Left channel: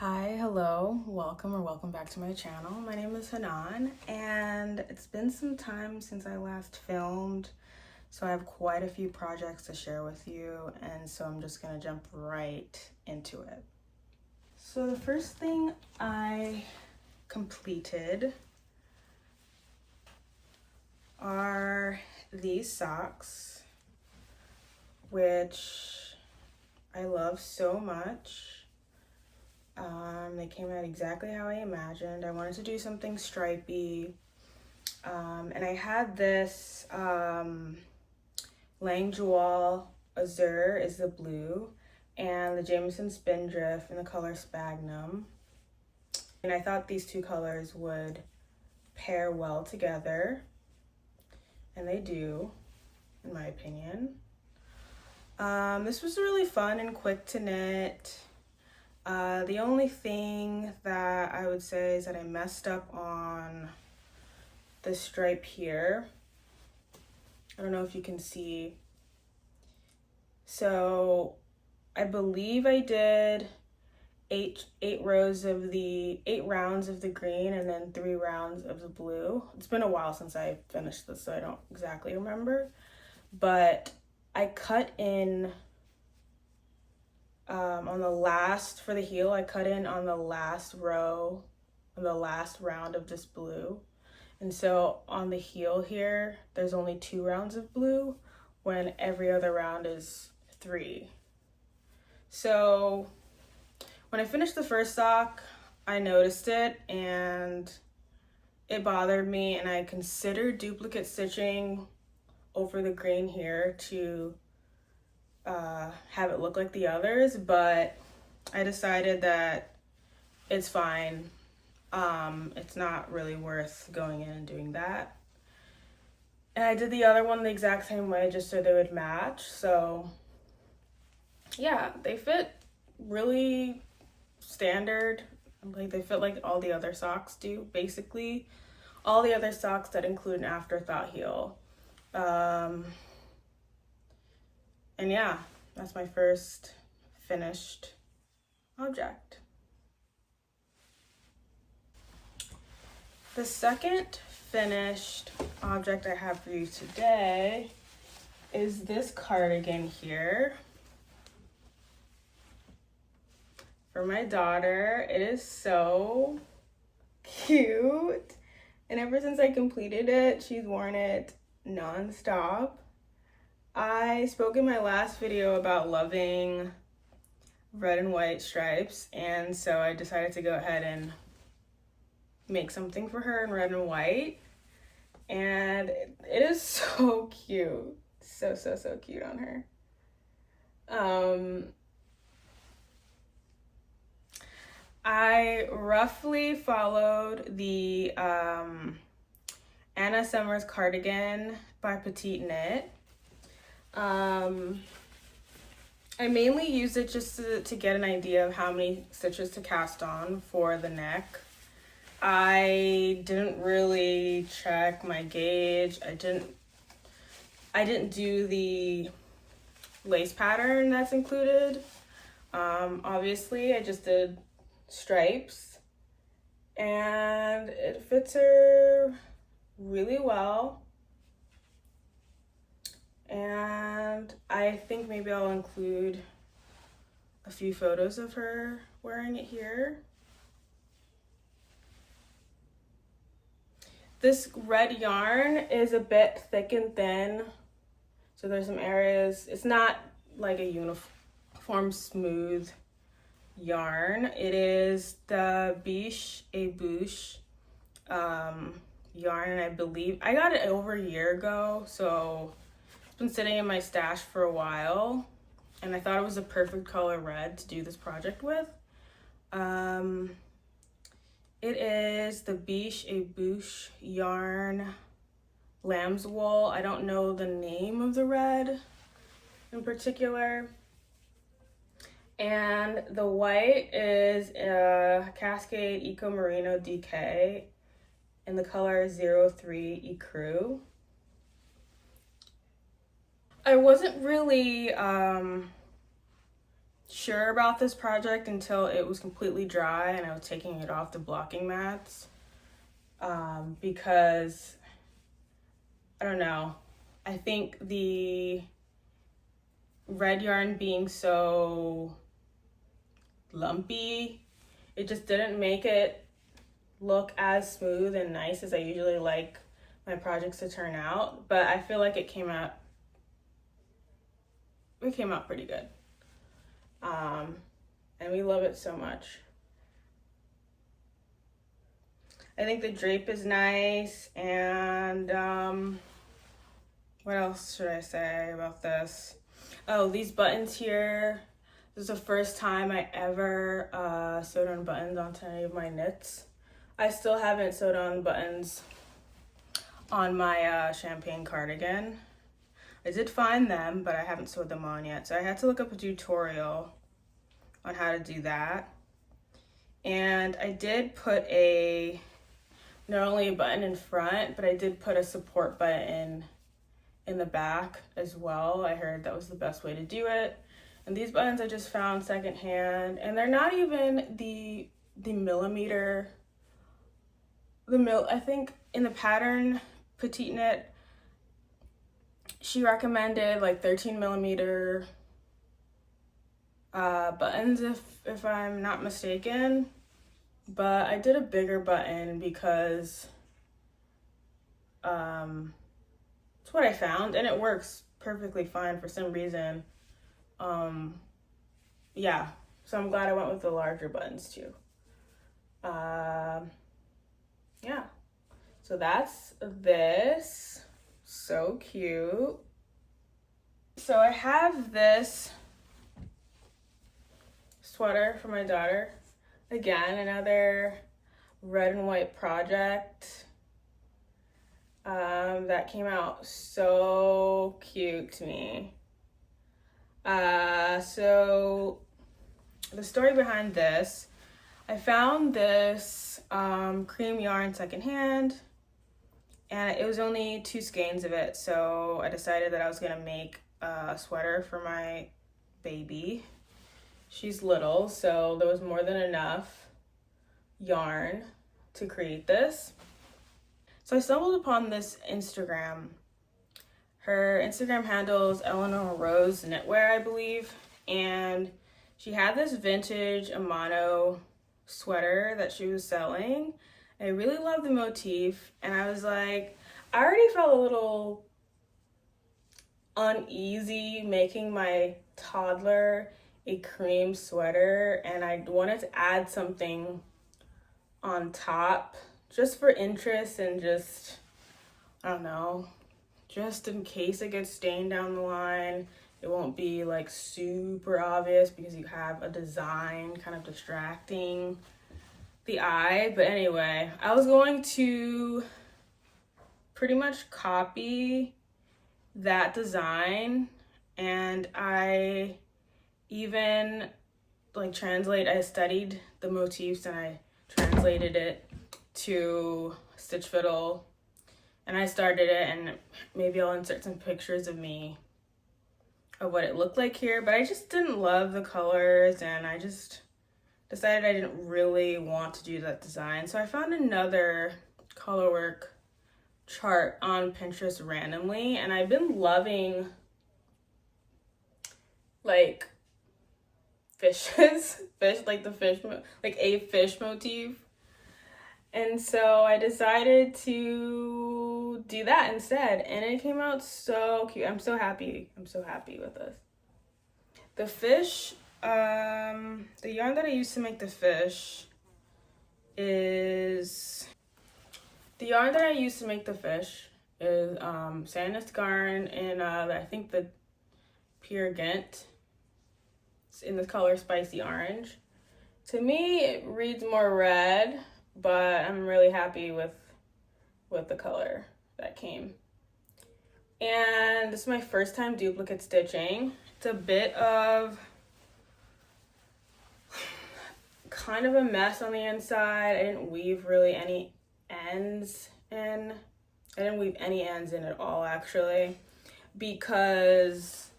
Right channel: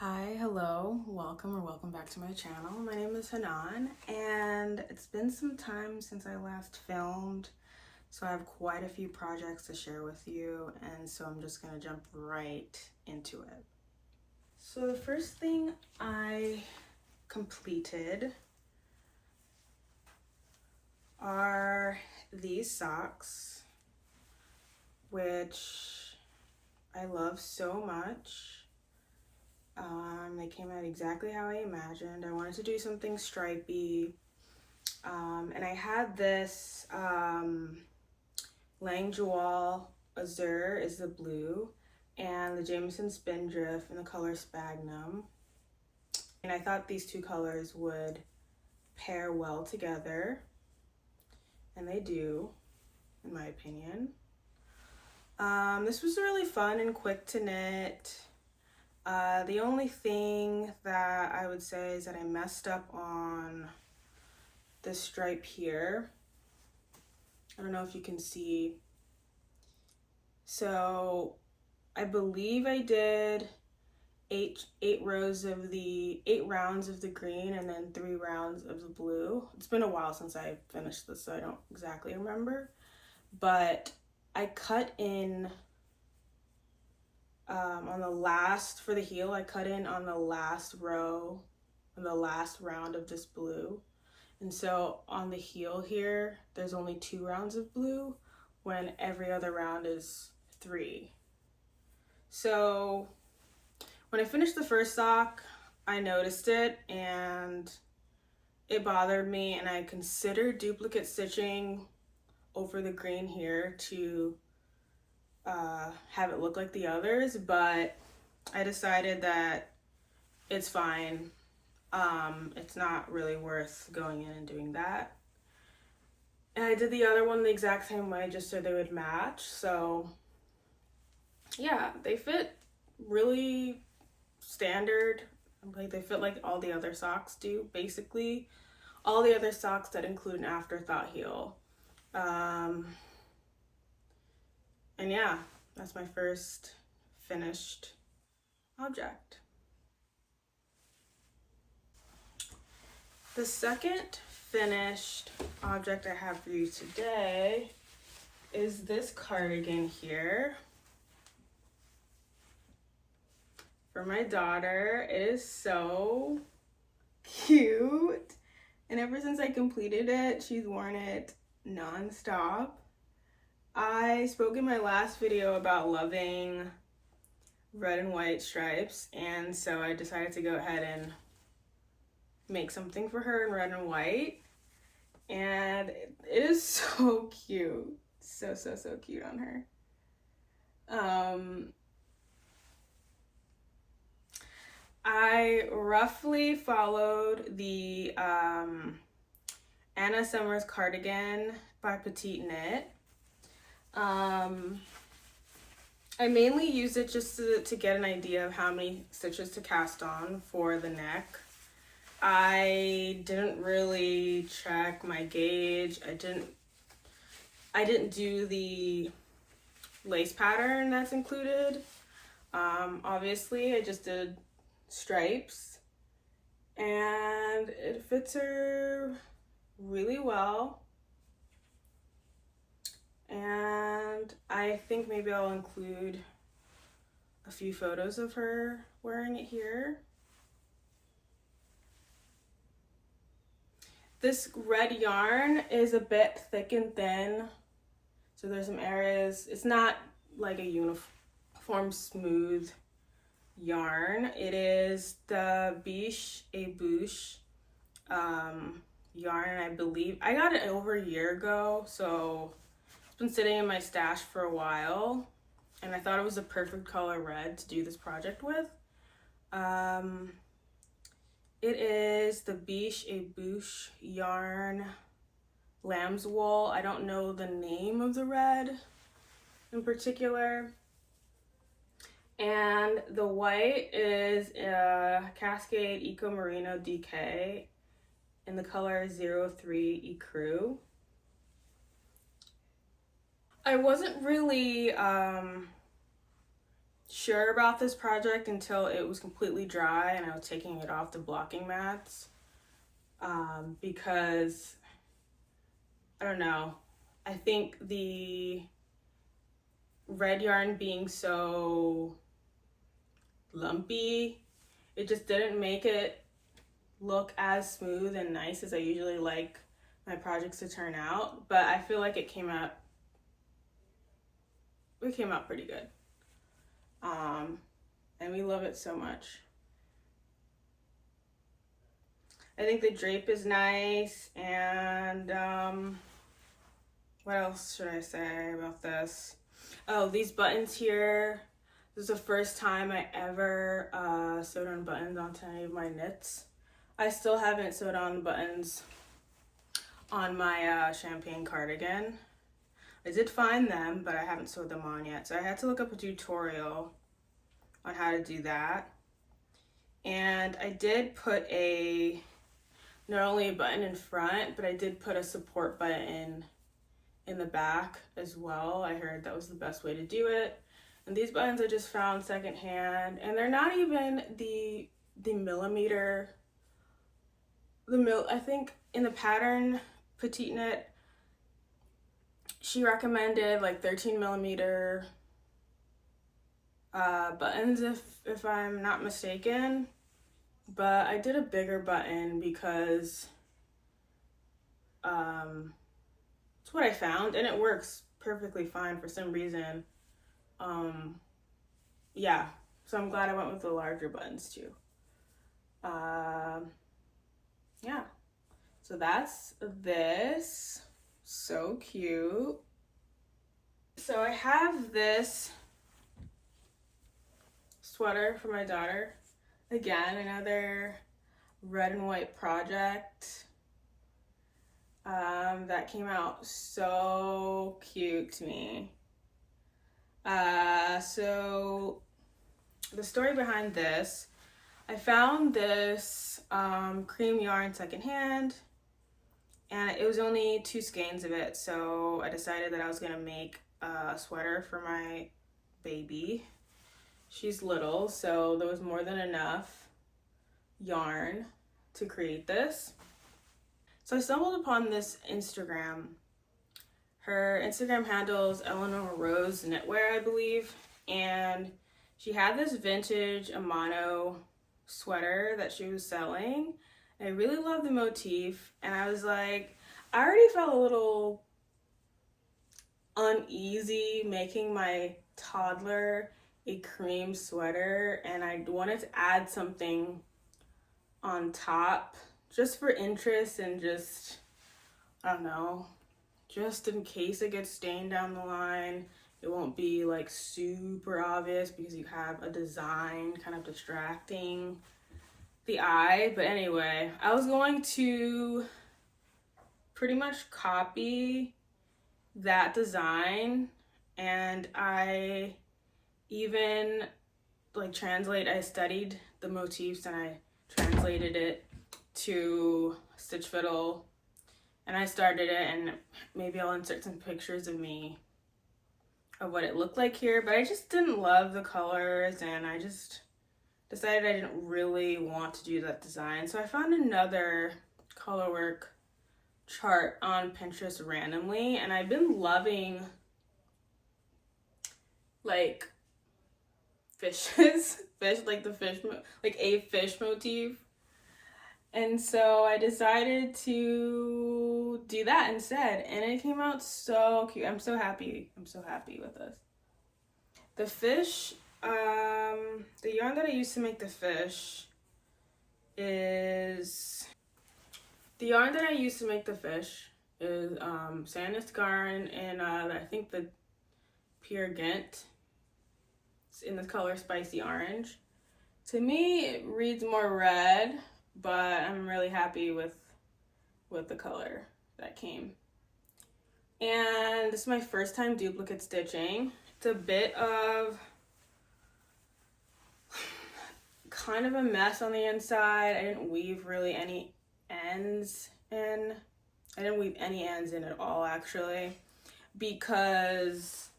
Hi, hello, welcome or welcome back to my channel. My name is HANAAN and it's been some time since I last filmed, so I have quite a few projects to share with you, and so I'm just gonna jump right into it. So the first thing I completed are these socks, which I love so much. They came out exactly how I imagined. I wanted to do something stripy, and I had this Langewall Azure is the blue, and the Jameson Spindrift in the color Sphagnum. And I thought these two colors would pair well together, and they do, in my opinion. This was really fun and quick to knit. The only thing that I would say is that I messed up on the stripe here. I don't know if you can see. So I believe I did eight rounds of the green and then 3 rounds of the blue. It's been a while since I finished this, so I don't exactly remember. But I cut in on the last, for the heel, I cut in on the last row, on the last round of this blue. And so on the heel here, there's only 2 rounds of blue when every other round is 3. So when I finished the first sock, I noticed it and it bothered me, and I considered duplicate stitching over the green here to have it look like the others, but I decided that it's fine. It's not really worth going in and doing that. And I did the other one the exact same way just so they would match. So yeah, they fit really standard. Like, they fit like all the other socks do, basically. All the other socks that include an afterthought heel. And yeah, that's my first finished object. The second finished object I have for you today is this cardigan here. For my daughter. It is so cute. And ever since I completed it, she's worn it non-stop. I spoke in my last video about loving red and white stripes, and so I decided to go ahead and make something for her in red and white, and it is so cute. So cute on her. I roughly followed the Anna Summers cardigan by Petite knit. I mainly use it just to get an idea of how many stitches to cast on for the neck. I didn't really check my gauge. I didn't do the lace pattern that's included. Obviously, I just did stripes, and it fits her really well. And I think maybe I'll include a few photos of her wearing it here. This red yarn is a bit thick and thin, so there's some areas. It's not like a uniform smooth yarn. It is the Biche et Bouche yarn, and I believe I got it over a year ago, so it's been sitting in my stash for a while, and I thought it was a perfect color red to do this project with. It is the Biche et Bouche yarn lamb's wool. I don't know the name of the red in particular. And the white is a Cascade Eco Merino DK in the color 03 Ecru. I wasn't really sure about this project until it was completely dry and I was taking it off the blocking mats, because I don't know, I think the red yarn being so lumpy, it just didn't make it look as smooth and nice as I usually like my projects to turn out. But I feel like it came out pretty good. And we love it so much. I think the drape is nice, and what else should I say about this? Oh, these buttons here. This is the first time I ever sewed on buttons onto any of my knits. I still haven't sewed on buttons on my champagne cardigan. I did find them, but I haven't sewed them on yet. So I had to look up a tutorial on how to do that. And I did put not only a button in front, but I did put a support button in the back as well. I heard that was the best way to do it. And these buttons I just found secondhand, and they're not even the millimeter. I think in the pattern Petite knit, she recommended like 13 millimeter buttons if I'm not mistaken, but I did a bigger button because it's what I found and it works perfectly fine for some reason. Yeah, so I'm glad I went with the larger buttons too. Yeah, so that's this. So cute. So I have this sweater for my daughter. Again, another red and white project that came out so cute to me. So the story behind this, I found this cream yarn secondhand, and it was only 2 skeins of it, so I decided that I was gonna make a sweater for my baby. She's little, so there was more than enough yarn to create this. So I stumbled upon this Instagram. Her Instagram handle is Eleanor Rose Knitwear, I believe, and she had this vintage Amano sweater that she was selling. I really love the motif, and I was like, I already felt a little uneasy making my toddler a cream sweater, and I wanted to add something on top just for interest and just, I don't know, just in case it gets stained down the line. It won't be like super obvious because you have a design kind of distracting the eye. But anyway, I was going to pretty much copy that design, and I even I studied the motifs and I translated it to stitch fiddle, and I started it, and maybe I'll insert some pictures of me of what it looked like here, but I just didn't love the colors, and I just decided I didn't really want to do that design. So I found another colorwork chart on Pinterest randomly, and I've been loving like fishes, like a fish motif. And so I decided to do that instead, and it came out so cute. I'm so happy with this. The fish, the yarn that I used to make the fish is Sandnes Garn in I think the Pure Ghent. It's in the color Spicy Orange. To me, it reads more red, but I'm really happy with the color that came. And this is my first time duplicate stitching. It's a bit of kind of a mess on the inside. I didn't weave really any ends in. I didn't weave any ends in at all, actually, because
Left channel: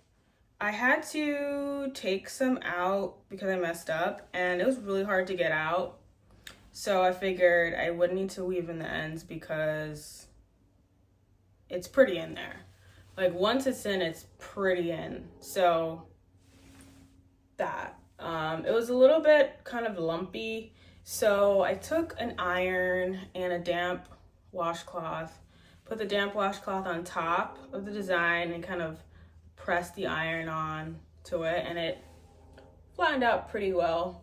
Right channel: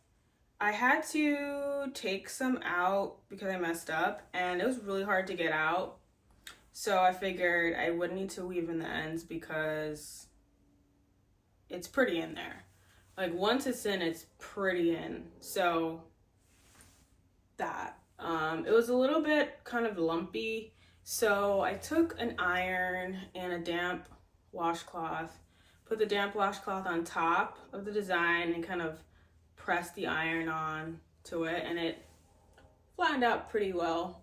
I had to take some out because I messed up and it was really hard to get out. So I figured I wouldn't need to weave in the ends because it's pretty in there. Like once it's in, it's pretty in. So that. It was a little bit kind of lumpy. So I took an iron and a damp washcloth, put the damp washcloth on top of the design and kind of pressed the iron on to it, and it flattened out pretty well.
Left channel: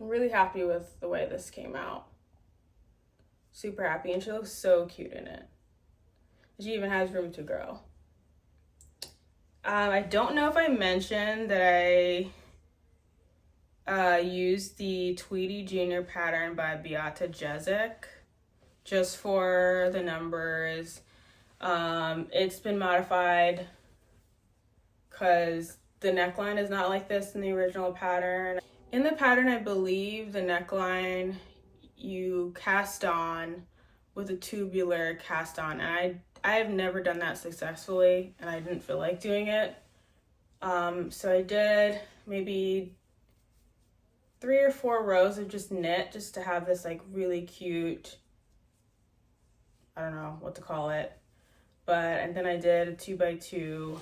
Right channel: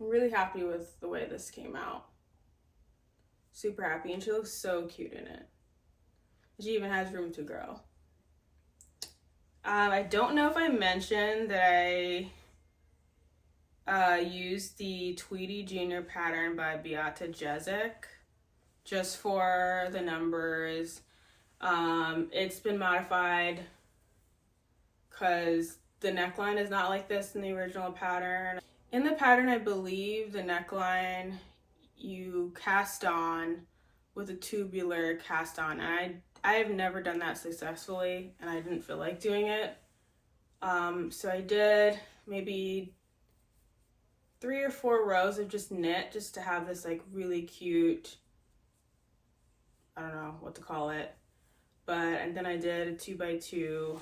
I'm really happy with the way this came out. Super happy, and she looks so cute in it. She even has room to grow. I don't know if I mentioned that I used the Tweedy Junior pattern by Beata Jezek just for the numbers. It's been modified because the neckline is not like this in the original pattern. In the pattern, I believe the neckline you cast on with a tubular cast on, and I have never done that successfully, and I didn't feel like doing it. So I did maybe 3 or 4 rows of just knit just to have this like really cute, I don't know what to call it, and then I did a 2x2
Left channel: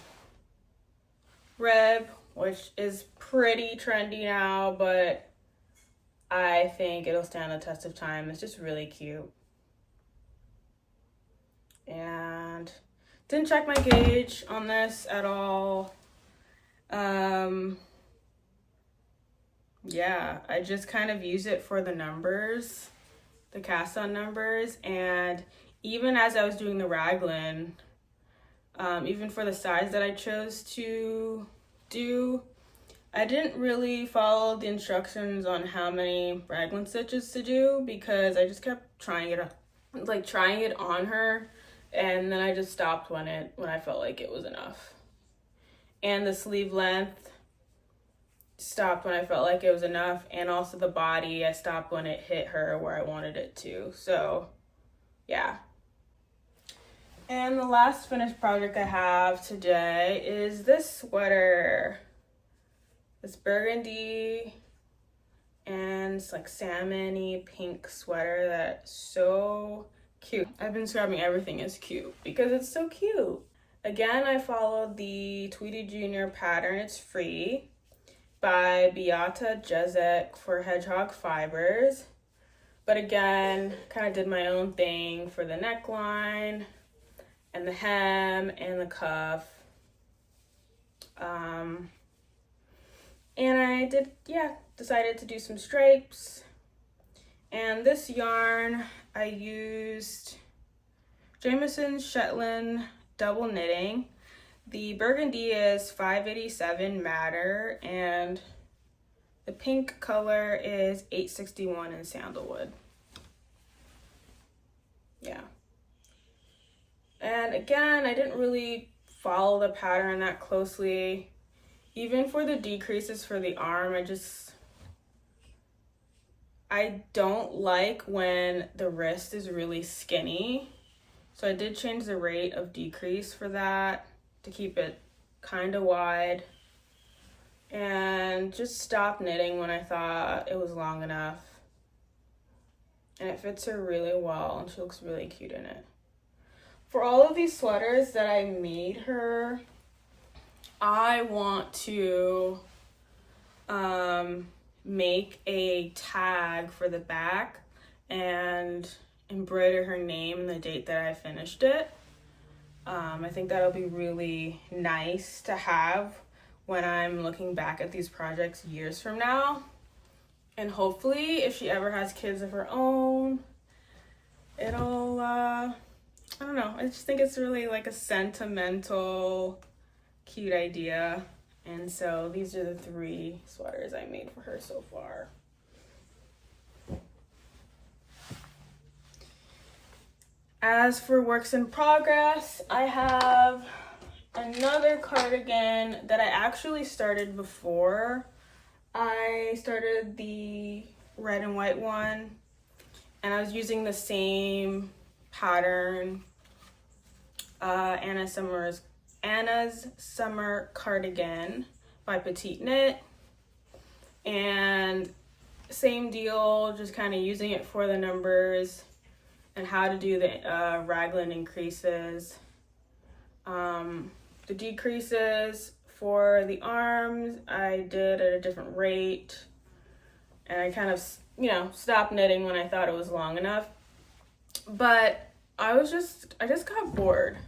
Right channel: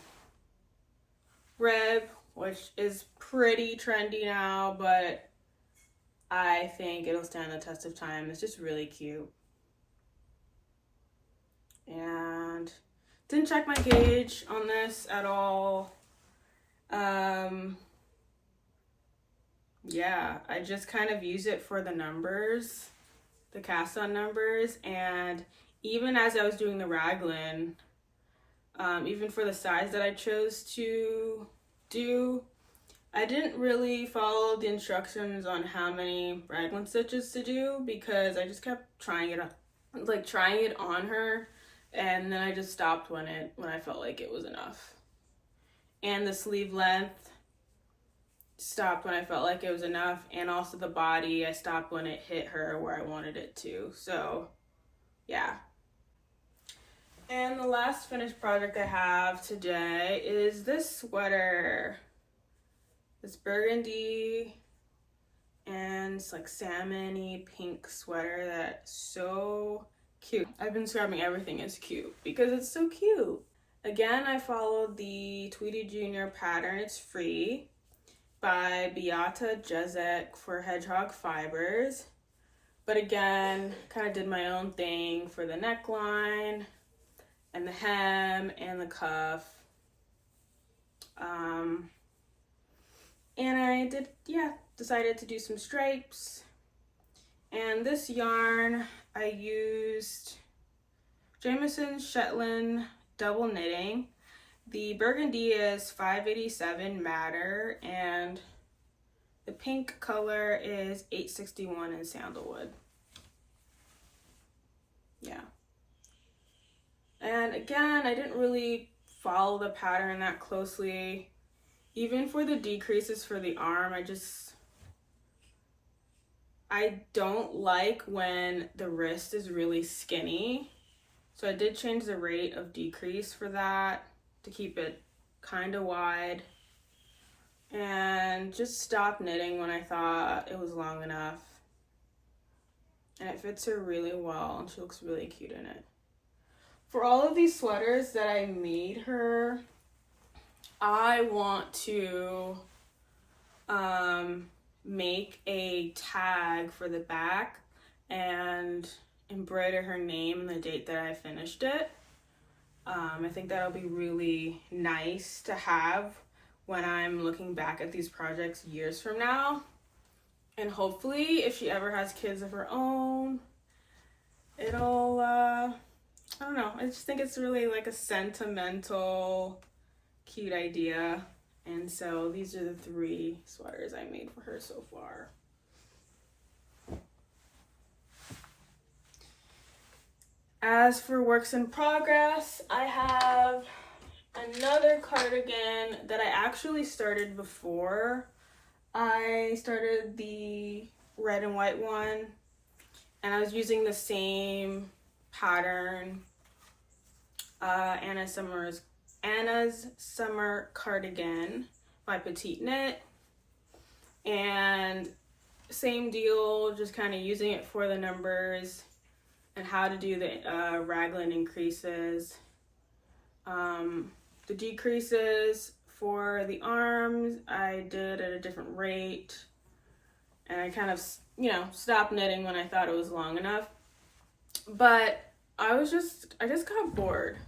rib, which is pretty trendy now, but I think it'll stand the test of time. It's just really cute. And didn't check my gauge on this at all. Yeah, I just kind of use it for the numbers, the cast on numbers, and even as I was doing the raglan, even for the size that I chose to do, I didn't really follow the instructions on how many raglan stitches to do because I just kept trying it on her, and then I just stopped when I felt like it was enough. And the sleeve length stopped when I felt like it was enough, and also the body, I stopped when it hit her where I wanted it to. So yeah. And the last finished project I have today is this sweater. This burgundy and it's like salmon-y pink sweater that's so cute. I've been describing everything as cute because it's so cute. Again, I followed the Tweedy Junior pattern, it's free, by Beata Jezek for Hedgehog Fibres. But again, kind of did my own thing for the neckline and the hem and the cuff. And I decided to do some stripes. And this yarn, I used Jamieson's Shetland double knitting. The burgundy is 587 madder, and the pink color is 861 in sandalwood. Yeah. And again, I didn't really follow the pattern that closely. Even for the decreases for the arm, I don't like when the wrist is really skinny. So I did change the rate of decrease for that to keep it kind of wide. And just stopped knitting when I thought it was long enough. And it fits her really well, and she looks really cute in it. For all of these sweaters that I made her, I want to make a tag for the back and embroider her name and the date that I finished it. I think that'll be really nice to have when I'm looking back at these projects years from now. And hopefully, if she ever has kids of her own, it'll, I don't know, I just think it's really like a sentimental, cute idea. And so these are the 3 sweaters I made for her so far. As for works in progress, I have another cardigan that I actually started before I started the red and white one, and I was using the same pattern, Anna Summers Anna's Summer Cardigan by Petite Knit. And same deal, just kind of using it for the numbers and how to do the raglan increases. The decreases for the arms I did at a different rate, and I kind of, you know, stopped knitting when I thought it was long enough. But I just got bored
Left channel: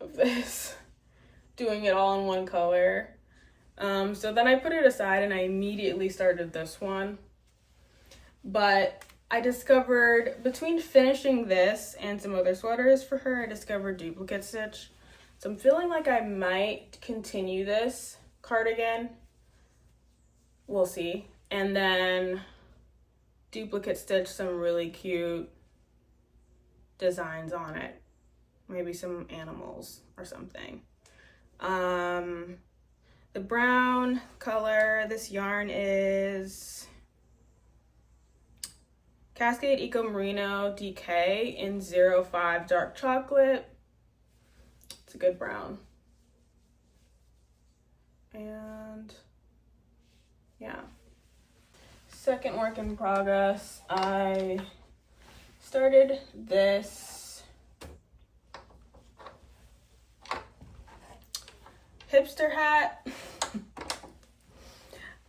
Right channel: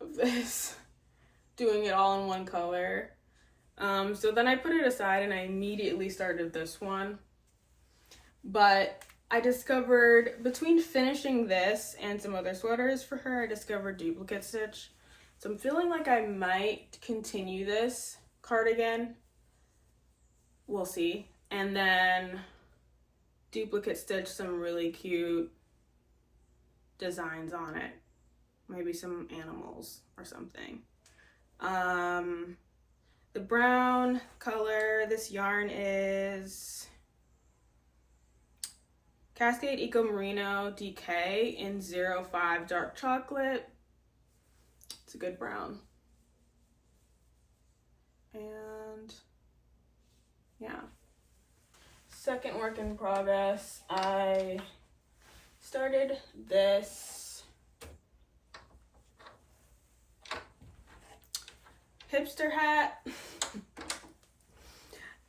of this, doing it all in one color. So then I put it aside and I immediately started this one. But I discovered, between finishing this and some other sweaters for her, I discovered duplicate stitch. So I'm feeling like I might continue this cardigan. We'll see. And then duplicate stitch some really cute designs on it. Maybe some animals or something. The brown color, this yarn is Cascade Eco Merino DK in 05 Dark Chocolate. It's a good brown. And yeah. Second work in progress, I started this hipster hat.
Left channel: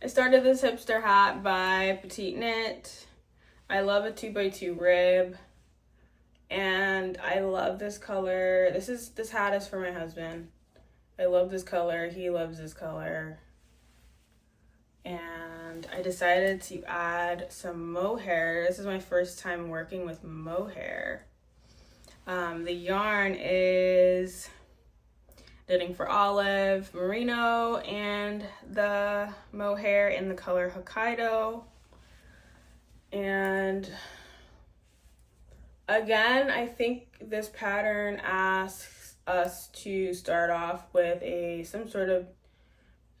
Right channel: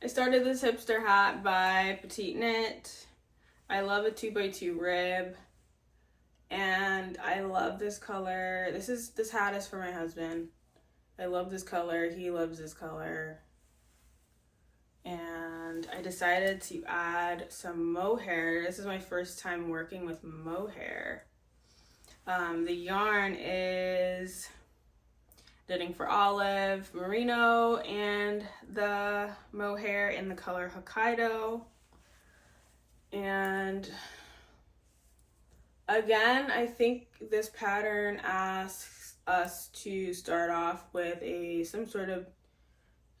I started this hipster hat by Petite Knit. I love a 2x2 rib, and I love this color. This hat is for my husband. I love this color. He loves this color. And I decided to add some mohair. This is my first time working with mohair. The yarn is Knitting for Olive Merino, and the mohair in the color Hokkaido. And again, I think this pattern asks us to start off with some sort of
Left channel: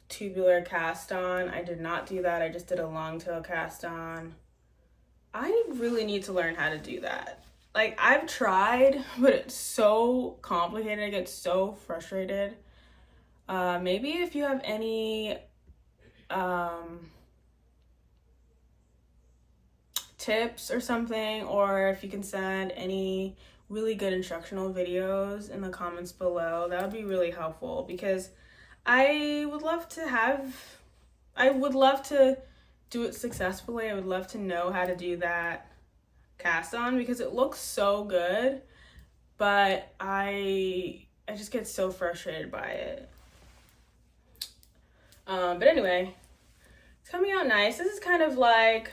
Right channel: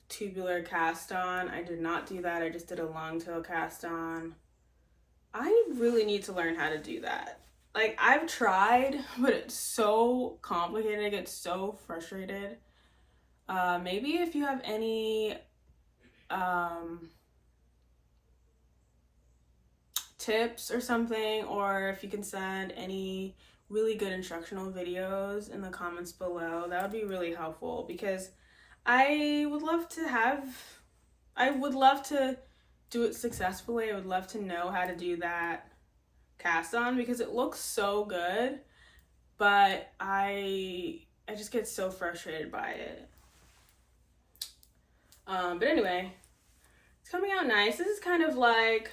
tubular cast on. I did not do that. I just did a long tail cast on. I really need to learn how to do that. Like, I've tried, but it's so complicated. I get so frustrated. Maybe if you have any tips or something, or if you can send any really good instructional videos in the comments below, that would be really helpful, because I would love to do it successfully. I would love to know how to do that cast on, because it looks so good, but I just get so frustrated by it. But anyway, it's coming out nice. This is kind of like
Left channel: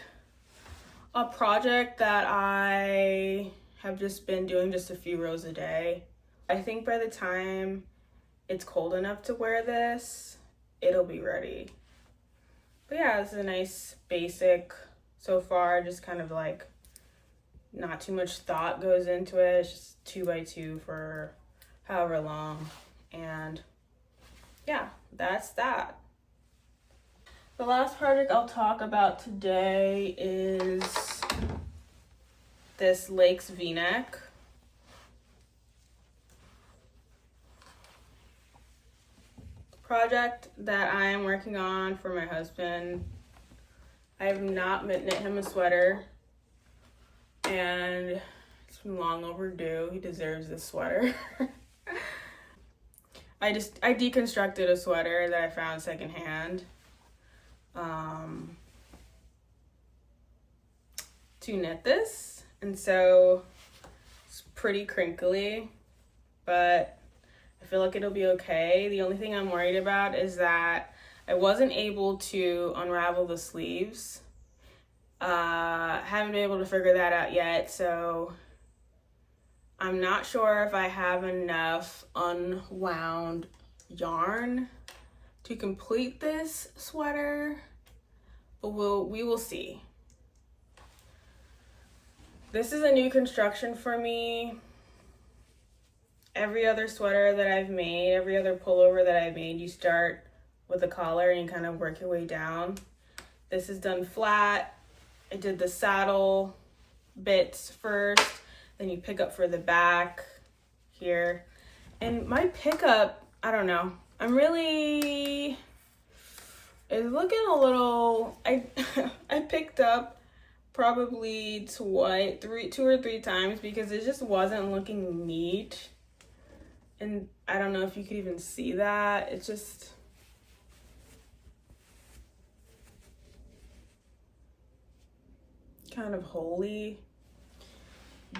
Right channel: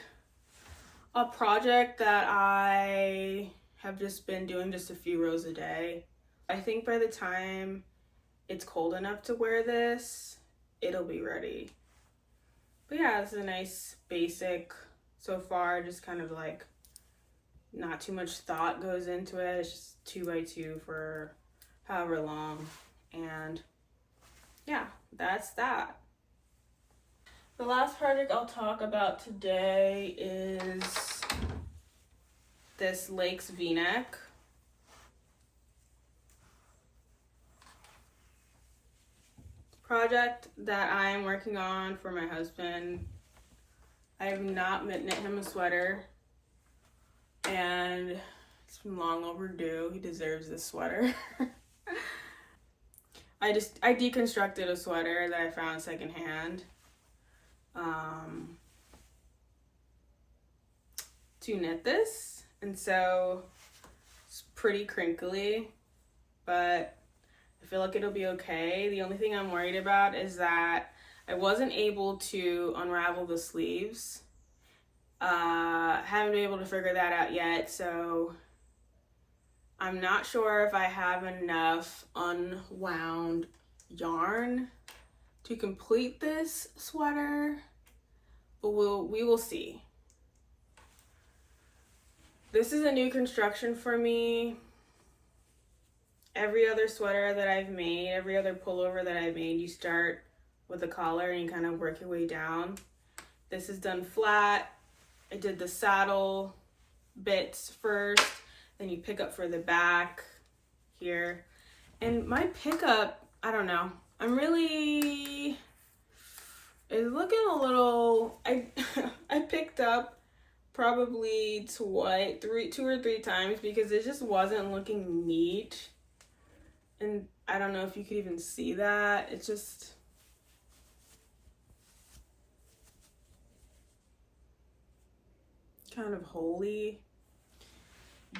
a project that I have just been doing just a few rows a day. I think by the time it's cold enough to wear this, it'll be ready. But yeah, this is a nice basic so far, just kind of like not too much thought goes into it. It's just 2x2 for however long. And yeah, that's that. The last project I'll talk about today is this Lakes V-neck. Project that I am working on for my husband. I have not knit him a sweater, and it's been long overdue. He deserves this sweater. I deconstructed a sweater that I found secondhand to knit this, and so it's pretty crinkly, but I feel like it'll be okay. The only thing I'm worried about is that I wasn't able to unravel the sleeves. Haven't been able to figure that out yet, so I'm not sure if I have enough unwound yarn to complete this sweater, but we will see. This is a new construction for me. Every other sweater that I've made, every other pullover that I've made, you start with the collar and you kind of work your way down. This is done flat. I did the saddle bits first, then you pick up for the back here. And my pickup, I don't know. It's looking a little, I picked up probably two or three times because it just wasn't looking neat. And I don't know if you could even see that. It's just kind of holy.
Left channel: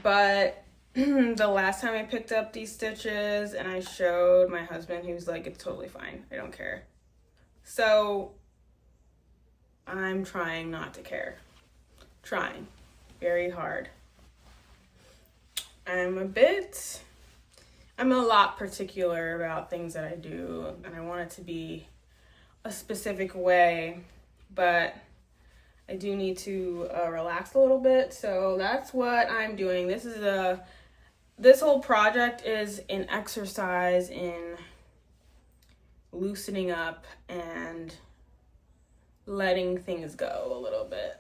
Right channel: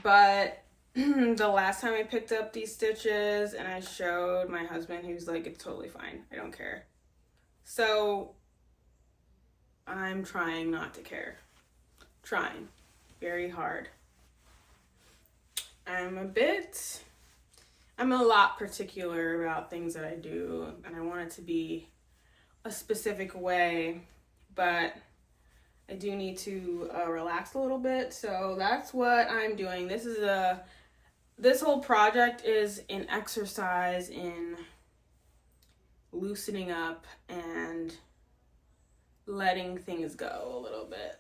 But the last time I picked up these stitches and I showed my husband, he was like, it's totally fine. I don't care. So I'm trying not to care. Trying very hard. I'm a lot particular about things that I do, and I want it to be a specific way, but I do need to relax a little bit. So that's what I'm doing. This whole project is an exercise in loosening up and letting things go a little bit.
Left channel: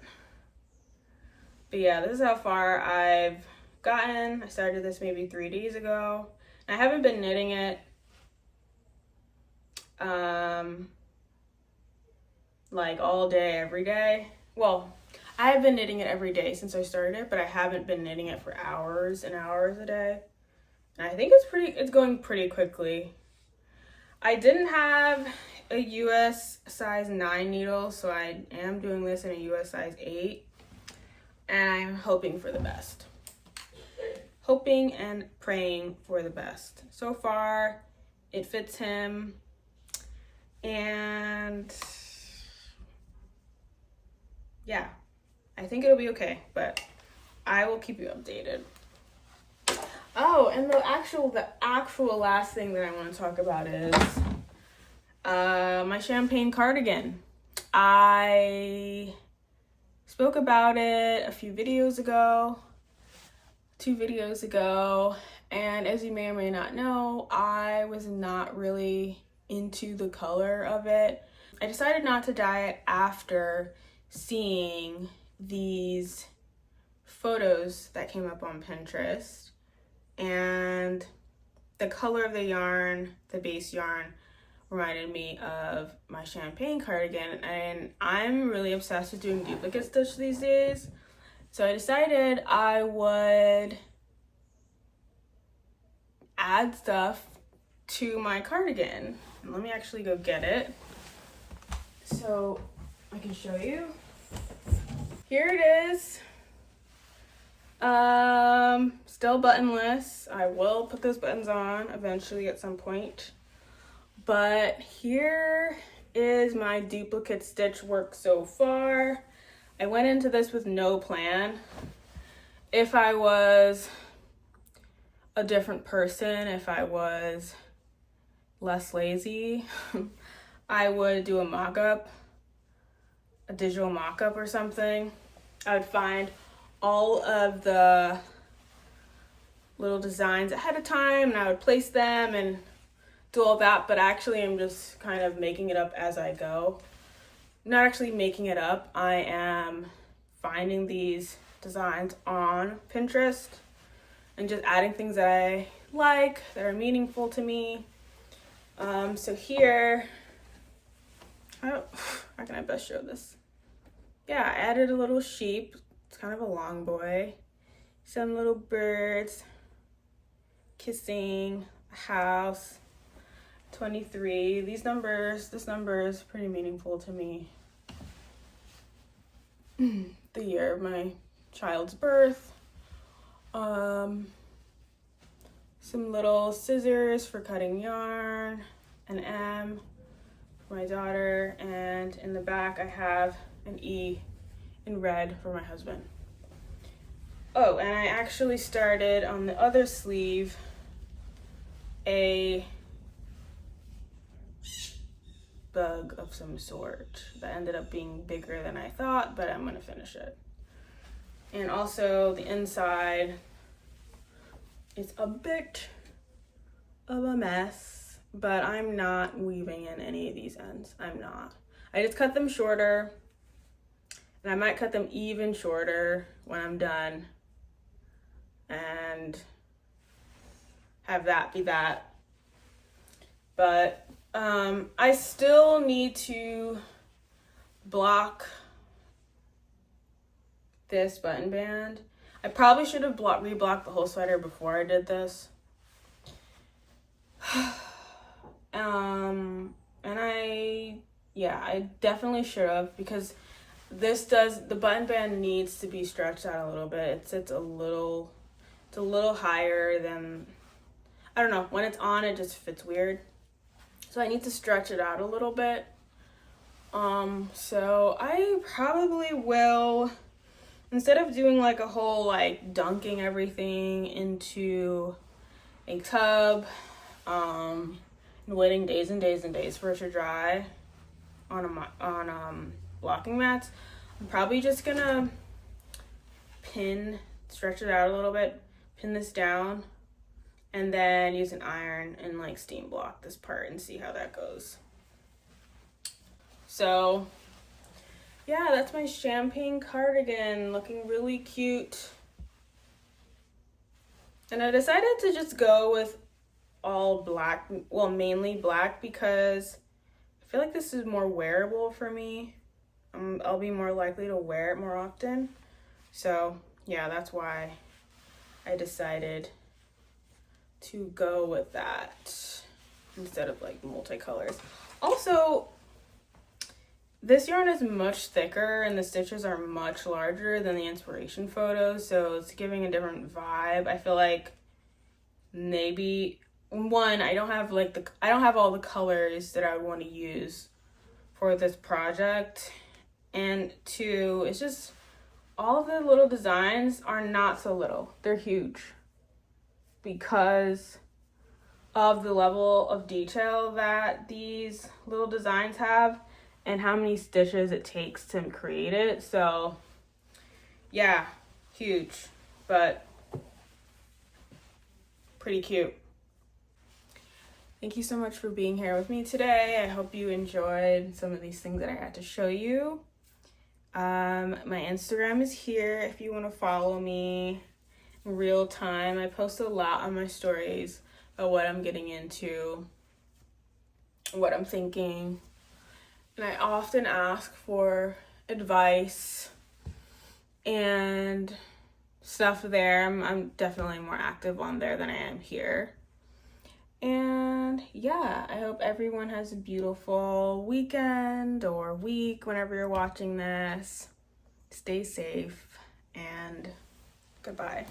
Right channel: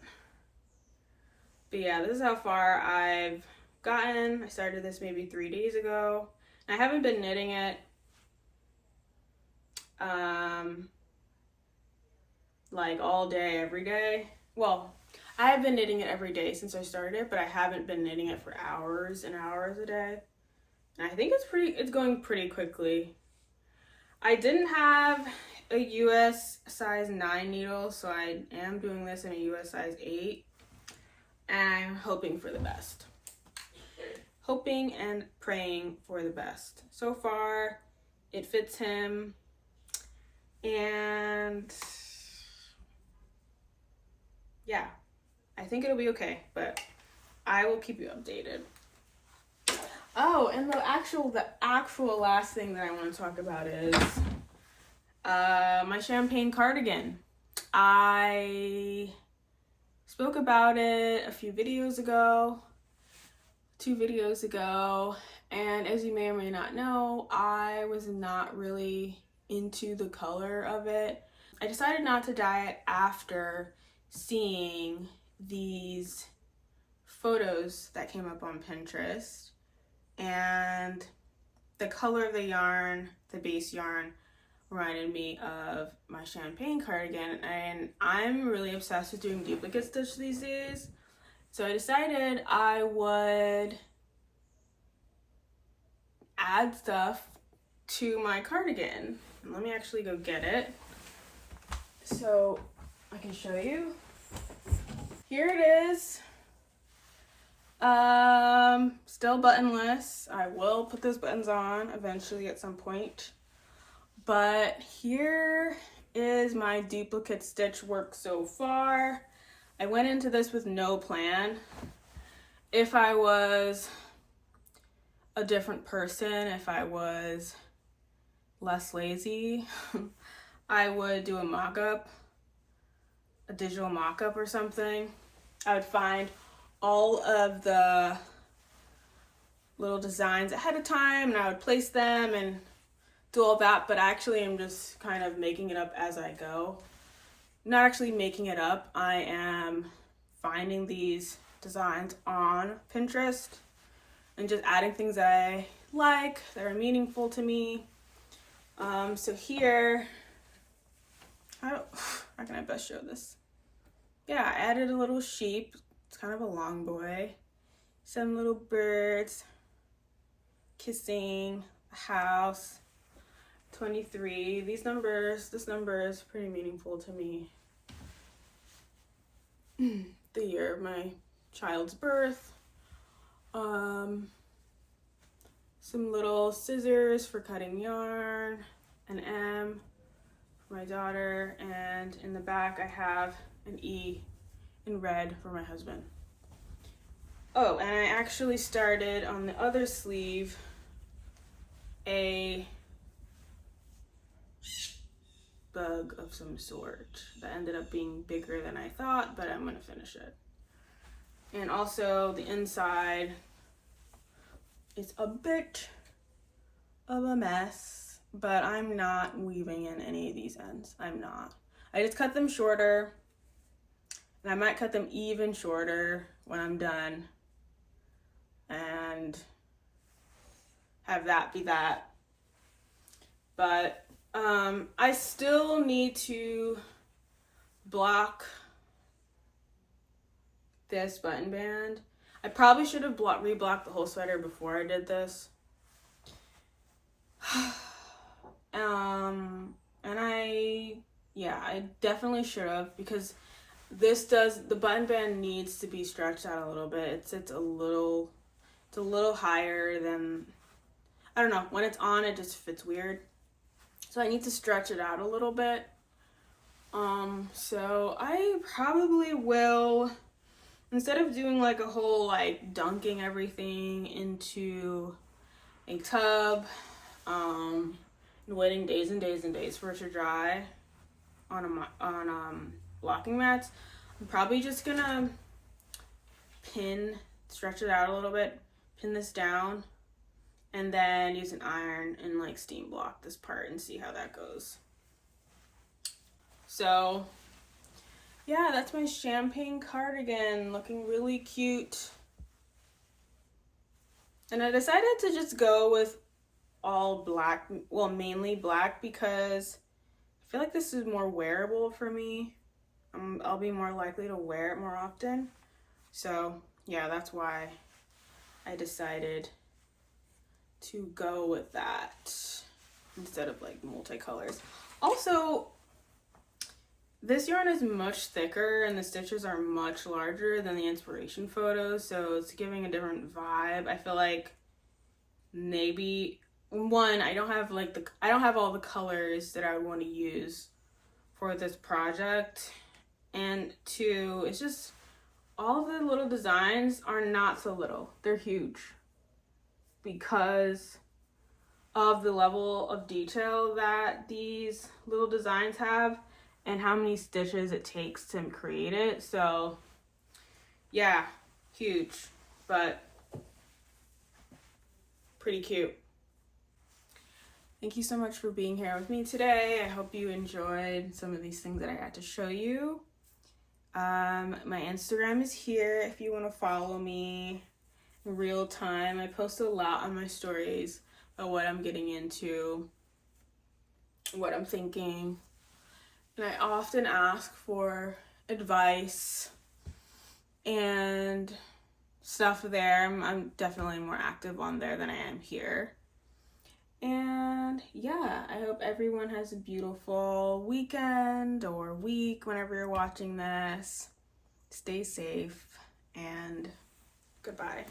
But yeah, this is how far I've gotten. I started this maybe 3 days ago. I haven't been knitting it like all day, every day. Well, I have been knitting it every day since I started it, but I haven't been knitting it for hours and hours a day. And I think it's going pretty quickly. I didn't have a US size 9 needle, so I am doing this in a US size 8. And I'm hoping for the best. Hoping and praying for the best. So far, it fits him, and yeah, I think it'll be okay, but I will keep you updated. Oh, and the actual last thing that I want to talk about is my champagne cardigan. I spoke about it a few videos ago. 2 videos ago, and as you may or may not know, I was not really into the color of it. I decided not to dye it after seeing these photos that came up on Pinterest, and the color of the yarn, the base yarn, reminded me of my champagne cardigan, and I'm really obsessed with doing duplicate stitch these days. So I decided I would add stuff to my cardigan. And let me actually go get it so I can show you. Here it is. Still buttonless. I will put those buttons on eventually at some point. But here is my duplicate stitch work so far. I went into this with no plan. If I was a different person, if I was less lazy, I would do a mock-up, a digital mock-up or something. I would find all of the little designs ahead of time and I would place them and do all that, but actually I'm just kind of making it up as I go. Not actually making it up, I am finding these designs on Pinterest and just adding things that I like, that are meaningful to me. So here, how can I best show this? Yeah, I added a little sheep. It's kind of a long boy. Some little birds kissing, a house, 23. This number is pretty meaningful to me. The year of my child's birth. Some little scissors for cutting yarn, an M for my daughter, and in the back I have an E in red for my husband. Oh, and I actually started on the other sleeve a bug of some sort that ended up being bigger than I thought, but I'm gonna finish it. And also the inside is a bit of a mess, but I'm not weaving in any of these ends. I'm not. I just cut them shorter, and I might cut them even shorter when I'm done and have that be that. But I still need to block this button band. I probably should have reblocked the whole sweater before I did this. And I definitely should have, because the button band needs to be stretched out a little bit. It sits a little higher than, I don't know, when it's on it just fits weird. So I need to stretch it out a little bit. So I probably will, instead of doing like a whole like dunking everything into a tub, and waiting days and days and days for it to dry on blocking mats, I'm probably just gonna stretch it out a little bit, pin this down, and then use an iron and like steam block this part and see how that goes. So yeah, that's my champagne cardigan, looking really cute. And I decided to just go with all black, well, mainly black, because I feel like this is more wearable for me. I'll be more likely to wear it more often. So yeah, that's why I decided to go with that instead of like multicolors. Also, this yarn is much thicker and the stitches are much larger than the inspiration photos, so it's giving a different vibe. I feel like maybe one, I don't have all the colors that I want to use for this project, and two, it's just all the little designs are not so little, they're huge because of the level of detail that these little designs have and how many stitches it takes to create it. So yeah, huge, but pretty cute. Thank you so much for being here with me today. I hope you enjoyed some of these things that I had to show you. My Instagram is here if you want to follow me in real time. I post a lot on my stories of what I'm getting into, what I'm thinking, and I often ask for advice and stuff there. I'm definitely more active on there than I am here. And yeah, I hope everyone has a beautiful weekend or week whenever you're watching this. Stay safe and goodbye.